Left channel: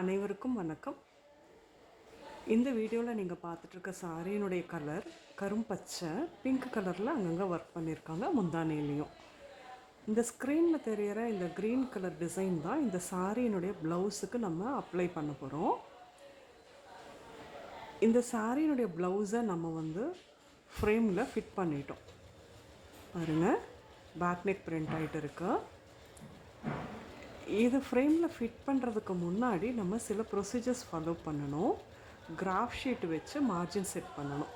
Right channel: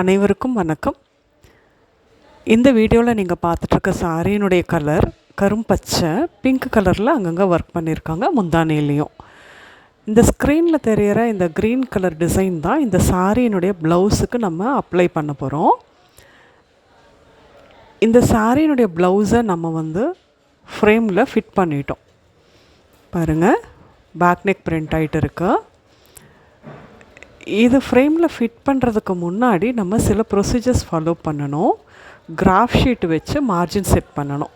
அனைவருக்கும் வணக்கம். இந்த வீடியோவில் நீங்கள் பார்த்துட்ருக்க சாரியினுடைய கலர் கரும்பச்சை, பிங்க் கலரில் அங்கங்கே ஒர்க் பண்ணியிருக்காங்க முந்தானையிலையும். இந்த ஸ்க்ரீனில் தெரிகிற இந்த க்ரீன் கலர் டிசைன் தான் இந்த சாரியினுடைய ப்ளவுஸுக்கு நம்ம அப்ளை பண்ண போகிறோம். இந்த சாரியினுடைய ப்ளவுஸை நம்ம ஃப்ரேமில் ஃபிட் பண்ணிட்டோம். பாருங்கள், பேக் நெக் பிரிண்ட் ஆகிட்டு இருக்கு. இது ஃப்ரேமில் ஃபிட் பண்ணுறதுக்கு முன்னாடி நம்ம சில ப்ரொசீஜர்ஸ் ஃபாலோ பண்ணணும். கிராஃப் ஷீட் வச்சு மார்ஜின் செட் பண்ணணும்.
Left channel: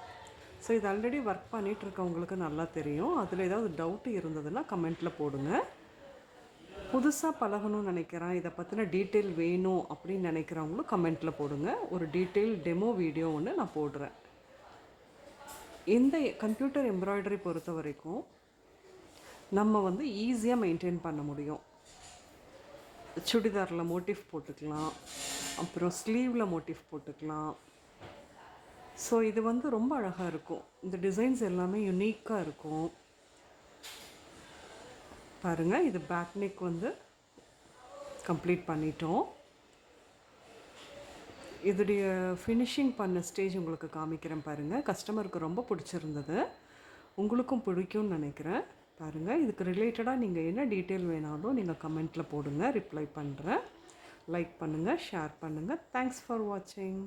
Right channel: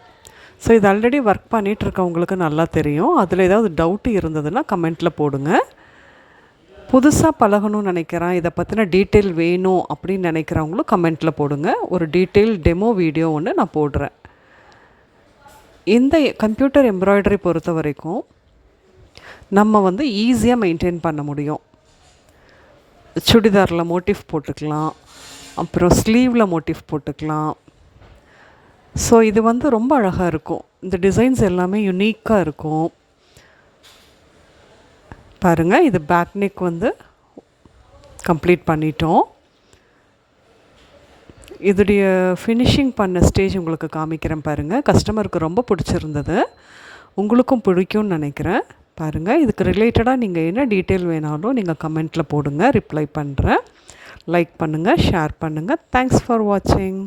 ஸோ இது ஆல்ரெடி ஒர்க் பண்ணிகிட்ருக்கவங்களுக்கு நல்லா தெரியும். அதில் ஏதாவது டவுட்டு இருந்ததுன்னா கமெண்ட்டில் போடுங்க. புதுசாக பழகணும்னு நினைக்கிறேன், இதை பற்றின டீட்டெயில் வேணும் அப்படின்னு நினைக்கிறவங்களும் கமெண்ட்டில் போடுங்க. ஒரு டீட்டெயில் டெமோ வீடியோ ஒன்று நான் போடுறேன். இந்த கம்ப்யூட்டர் எம்ப்ராய்டரி பொறுத்த வரைக்கும் நம்ம ஈஸியாக மெயின்டைன் பண்ண முடியும். சுடிதாரில் மோட்டிவ் போட்டுக்கலாம், அப்புறம் ஸ்லீவில் மோட்டிவ் போட்டுக்கலாம். ஸோ இது ரொம்ப அழகாக இருக்கும். இந்த டிசைன்ஸ் எல்லாமே யுனிக்காக இருக்கும். பாருங்கள், இது பேக் நெக் கம்ப்ளீட் பண்ணிட்டோம். இதோடைய ஃபினிஷிங் பண்ண ஸ்டேஜ் உங்களுக்கு காமிக்கிறேன் பாருங்கள். கஸ்டமருக்கு ரொம்ப பிடிச்சிருந்தது, உங்களுக்கும் பிடிக்கும்னு நினைக்கிறேன். பாருங்கள், இதுக்கு ரிலேட்டடாக நீங்கள் என்ன டீட்டெயில் வேணாலும் நீங்கள் கமெண்ட்டில் போடுங்க, ரிப்ளை பண்ணுறேன். லைக் பண்ணுங்கள், ஷேர் பண்ணுங்கள். தேங்க்ஸ் ஃபார் வாட்சிங்.